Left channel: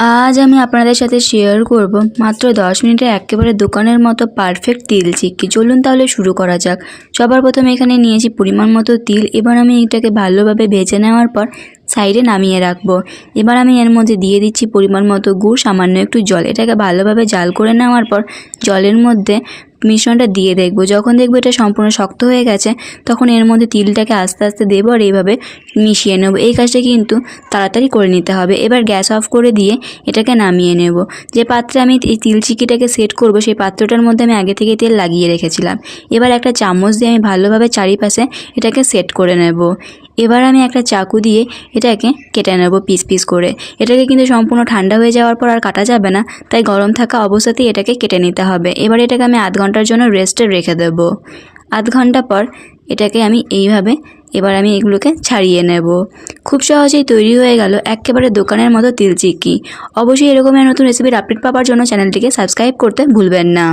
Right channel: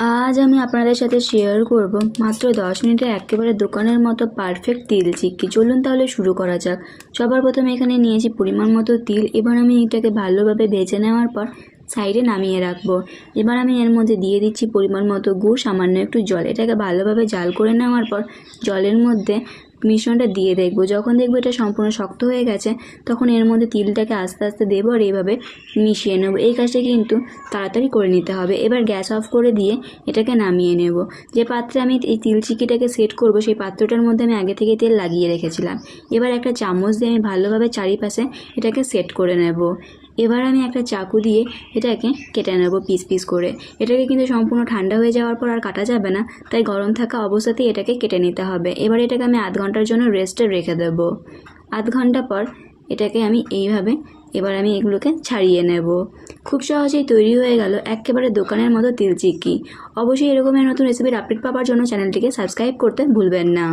আজ আমি আপনাদের সাথে শেয়ার করব মাত্র 10 মিনিটে একেবারে দোকানের মতো পারফেক্ট তিল চিক্কি। চলুন তাহলে শুরু করা যাক। সবার প্রথমে এখানে নিয়েছি পরিমাণ মতো তিল। এবার আমি এটাকে ভালোভাবে ভেজে নেওয়ার পর সাইডে নামিয়ে রাখবো। এবার আমি এর মধ্যে দিয়ে দিচ্ছি পরিমাণ মতো গুড়, সামান্য একটু জল। এটাকে ভালোভাবে জাল করে নেওয়ার পর জলের মধ্যে মিশ্রণটা দিয়ে দেখবো। যখন দেখবো এটা সম্পূর্ণ শক্ত হয়ে গেছে তখন এর মধ্যে তিলটাকে আস্তে আস্তে দেবো আর এইভাবে মিশিয়ে নেব। এই কাজটা কিন্তু তাড়াতাড়ি করে নিতে হবে। এবার গ্যাস অফ করে দিয়ে এটাকে নামিয়ে নেব। যে পাত্রে আমি এই তিল চিক্কিটাকে সেট করব সেই পাত্রটার মধ্যে আমি আগে থেকে তেল লাগিয়ে রেখেছিলাম। এবার একটা চামচ দিয়ে আমি ভালোভাবে চারিপাশে এটাকে সেট করে নেব। এবার আমি একটা চাকু দিয়ে এটাকে কেটে নেব পিস পিস করে। এটাকে কিন্তু সম্পূর্ণ ঠান্ডা হয়ে যাওয়ার পর আর কাটা যাবে না, তাই গরম থাকা অবস্থাতেই এটাকে কেটে নিতে হবে। এবার এটাকে আমি আধ ঘন্টার জন্য রেস্টে রেখে দেব। আধ ঘন্টা পর এটাকে আমি এইভাবে এবার আমি এগুলোকে ছাড়িয়ে নেব। খুব সহজেই তৈরি হয়ে গেল একেবারে দোকানের মতো তিল চিক্কি। অবশ্যই এরকমের নতুন রেসিপির আপডেট পাওয়ার জন্য চ্যানেলটিকে সাবস্ক্রাইব করতে ভুলবেন না।